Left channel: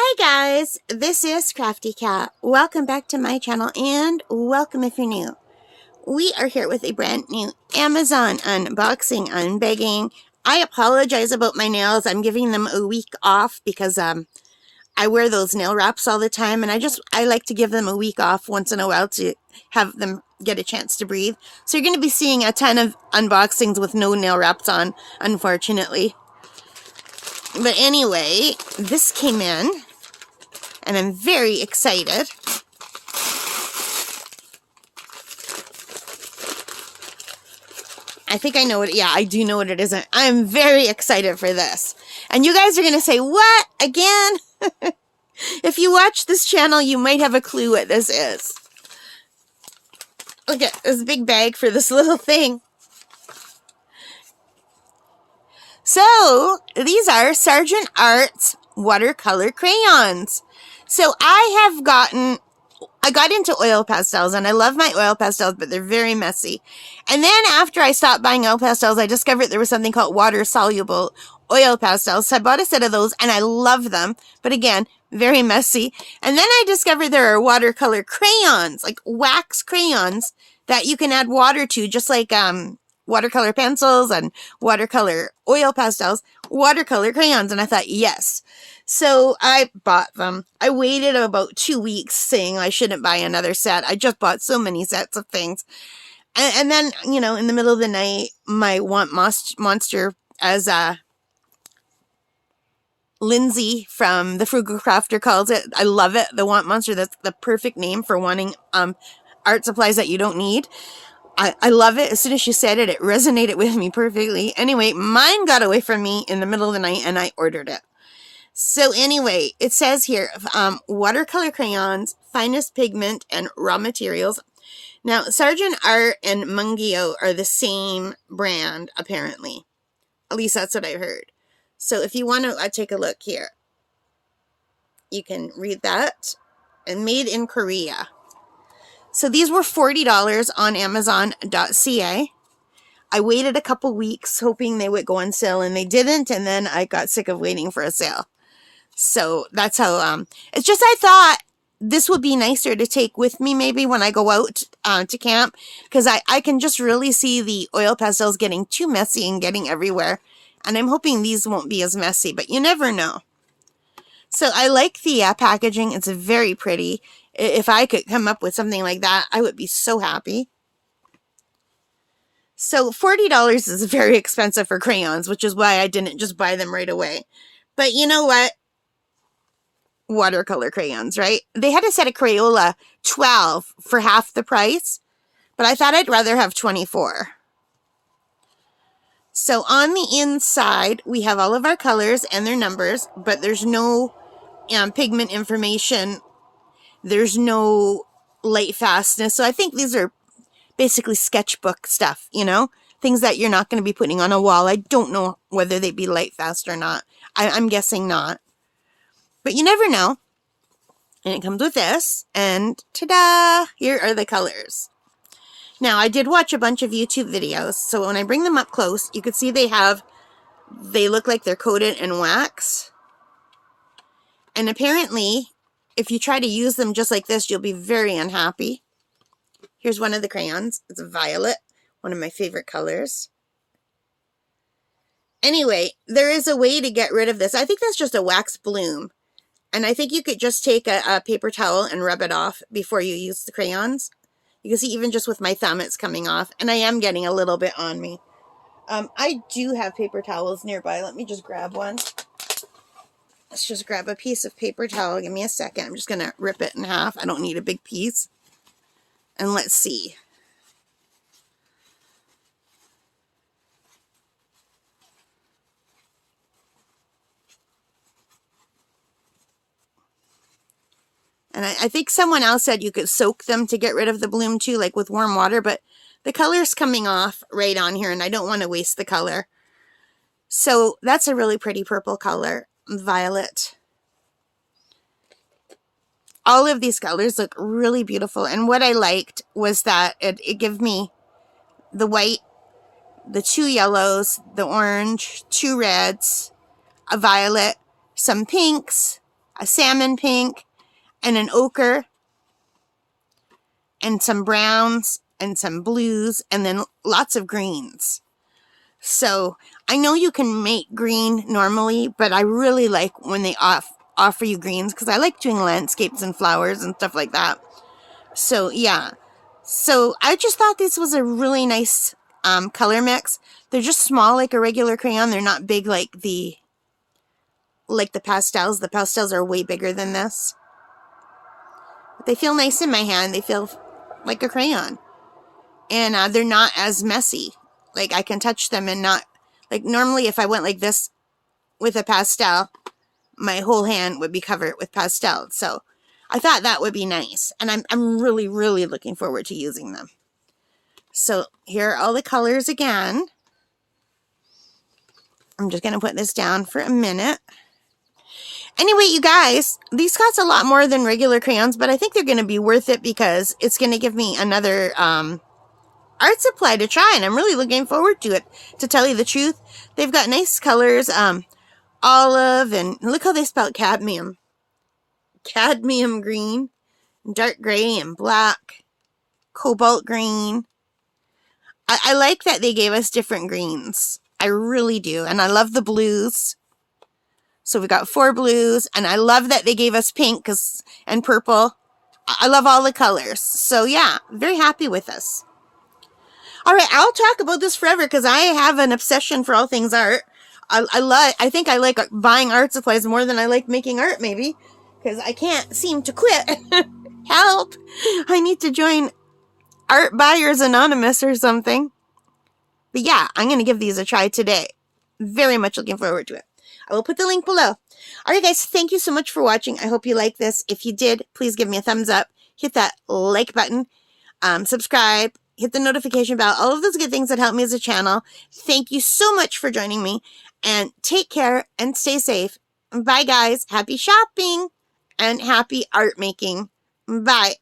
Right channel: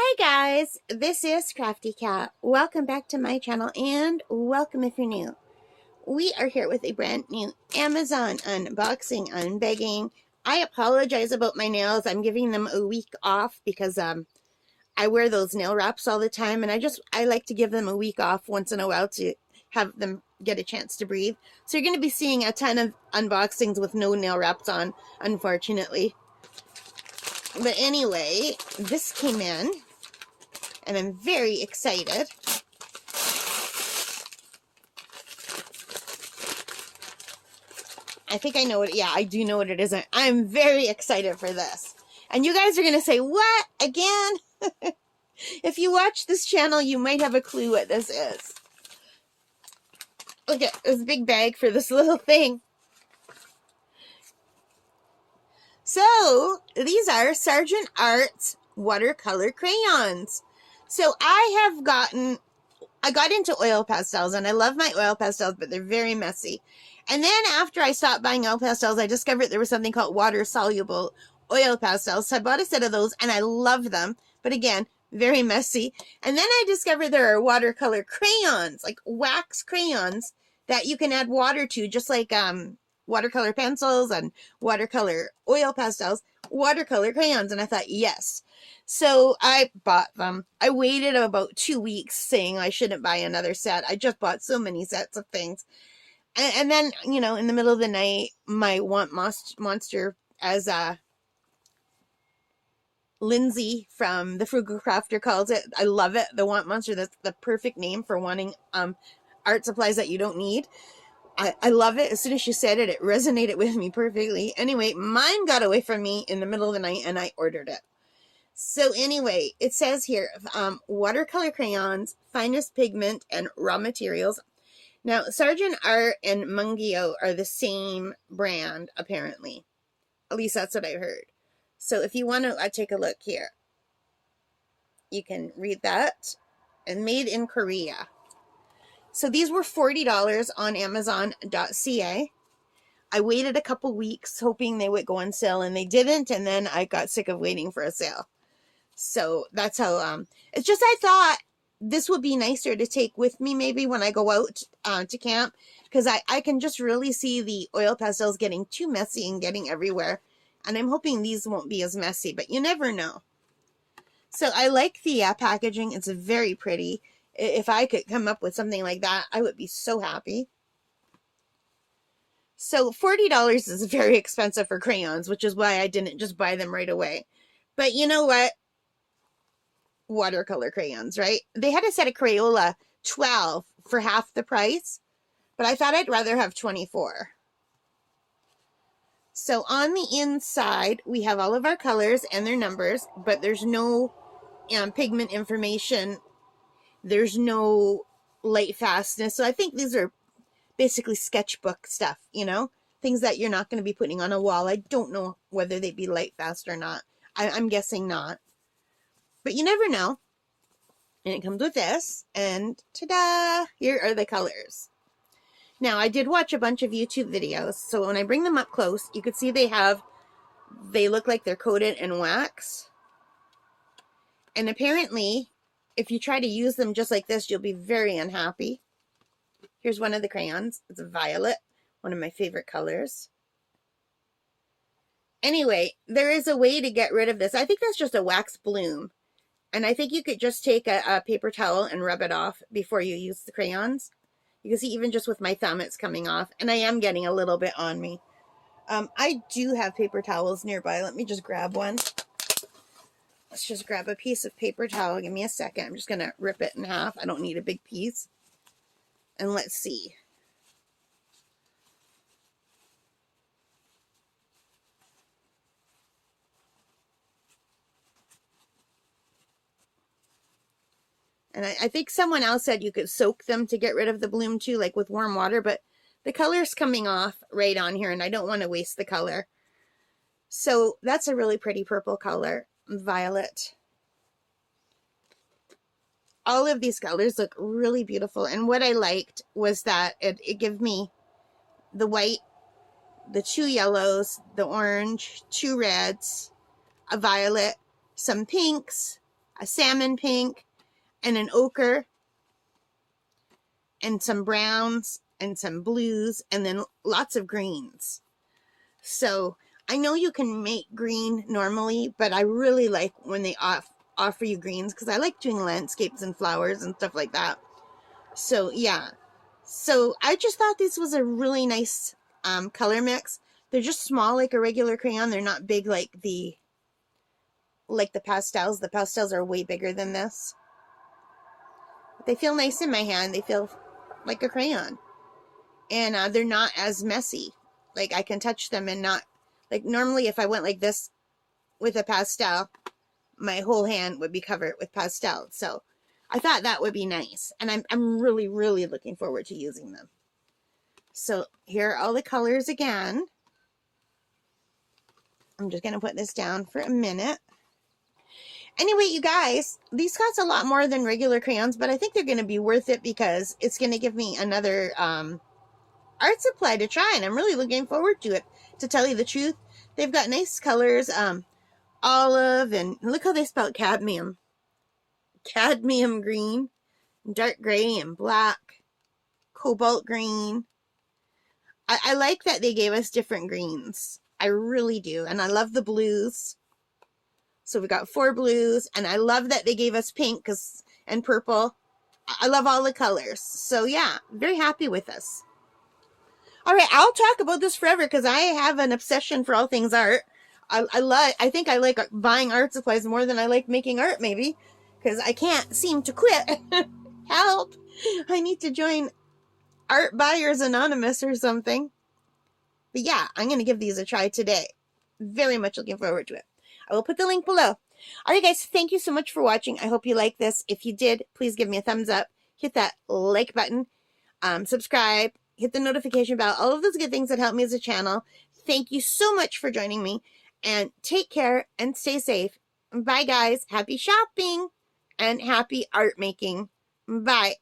Hi guys, this is Crafty Cat. Welcome back to my channel and welcome if you're new. We are here with a brand new Amazon unboxing, unbagging. I apologize about my nails. I'm giving them a week off because I wear those nail wraps all the time and I like to give them a week off once in a while to have them get a chance to breathe. So you're going to be seeing a ton of unboxings with no nail wraps on, unfortunately. But anyway, this came in and I'm very excited. I think I know what, yeah, I do know what it is. I'm very excited for this. And you guys are going to say, what? Again? If you watch this channel, you might have a clue what this is. Look at this big bag for this little thing. So, these are Sargent Arts watercolor crayons. So, I got into oil pastels, and I love my oil pastels, but they're very messy. And then after I stopped buying oil pastels, I discovered there was something called water-soluble oil pastels. So I bought a set of those, and I love them. But again, very messy. And then I discovered there are watercolor crayons, like wax crayons, that you can add water to, just like watercolor pencils and watercolor oil pastels, watercolor crayons. And I thought, yes. So I bought them. I waited about 2 weeks saying I shouldn't buy another set. I just bought so many sets of things. And then, you know, in the middle of the night, my want monster, as Lindsay from the Frugal Crafter calls it, I love it, the want monster. That's the perfect name for wanting art supplies that you don't need. I love it. As soon as she said it, it resonated with me perfectly. Anyway, mine got away from me in the middle of the night, and I ordered it. So anyway, it says here, watercolor crayons, finest pigment, and raw materials. Now, Sargent Art and Mungio are the same brand, apparently. At least that's what I heard. So if you want to take a look here, you can read that. And made in Korea. So these were $40 on Amazon.ca. I waited a couple weeks hoping they would go on sale, and they didn't. And then I got sick of waiting for a sale. So that's how, it's just I thought this would be nicer to take with me maybe when I go out to camp. Because I can just really see the oil pastels getting too messy and getting everywhere. And I'm hoping these won't be as messy, but you never know. So I like the packaging. It's very pretty. If I could come up with something like that, I would be so happy. So $40 is very expensive for crayons, which is why I didn't just buy them right away. But you know what? Watercolor crayons, right? They had a set of Crayola 12 for half the price, but I thought I'd rather have 24. So on the inside, we have all of our colors and their numbers, but there's no pigment information. There's no light fastness. So I think these are basically sketchbook stuff, you know, things that you're not going to be putting on a wall. I don't know whether they'd be light fast or not. I'm guessing not. But you never know. And it comes with this. And ta-da! Here are the colors. Now, I did watch a bunch of YouTube videos. So when I bring them up close, you can see they look like they're coated in wax. And apparently, if you try to use them just like this, you'll be very unhappy. Here's one of the crayons. It's violet, one of my favorite colors. Anyway, there is a way to get rid of this. I think that's just a wax bloom. And I think you could just take a paper towel and rub it off before you use the crayons. You can see even just with my thumb it's coming off. And I am getting a little bit on me. I do have paper towels nearby. Let me just grab one. Let's just grab a piece of paper towel. Give me a second. I'm just going to rip it in half. I don't need a big piece. And let's see. And I think someone else said you could soak them to get rid of the bloom too, like with warm water. But the color's coming off right on here, and I don't want to waste the color. So that's a really pretty purple color, violet. All of these colors look really beautiful. And what I liked was that it gave me the white, the 2 yellows, the orange, 2 reds, a violet, some pinks, a salmon pink, and an ochre, and some browns, and some blues, and then lots of greens. So I know you can make green normally, but I really like when they offer you greens, because I like doing landscapes and flowers and stuff like that. So yeah, so I just thought this was a really nice color mix. They're just small like a regular crayon. They're not big like the pastels. The pastels are way bigger than this. But they feel nice in my hand. They feel like a crayon. And they're not as messy. Like, I can touch them and not... Like, normally if I went like this with a pastel, my whole hand would be covered with pastel. So I thought that would be nice. And I'm really, really looking forward to using them. So here are all the colors again. I'm just going to put this down for a minute. Anyway, you guys, these cost a lot more than regular crayons, but I think they're going to be worth it because it's going to give me another art supply to try, and I'm really looking forward to it, to tell you the truth. They've got nice colors, olive, and look how they spell cadmium. Cadmium green, dark gray, and black, cobalt green. I like that they gave us different greens. I really do, and I love the blues. So we got 4 blues, and I love that they gave us pink and purple. I love all the colors. So yeah, very happy with this. All right, I'll talk about this forever because I have an obsession for all things art. I think I like buying art supplies more than I like making art, maybe, because I can't seem to quit. Help! I need to join Art Buyers Anonymous or something. But yeah, I'm going to give these a try today. Very much looking forward to it. I will put the link below. All right, guys, thank you so much for watching. I hope you like this. If you did, please give me a thumbs up. Hit that like button. Subscribe. Hit the notification bell. All of those good things that help me as a channel. Thank you so much for joining me. And take care and stay safe. Bye, guys. Happy shopping and happy art making. Bye.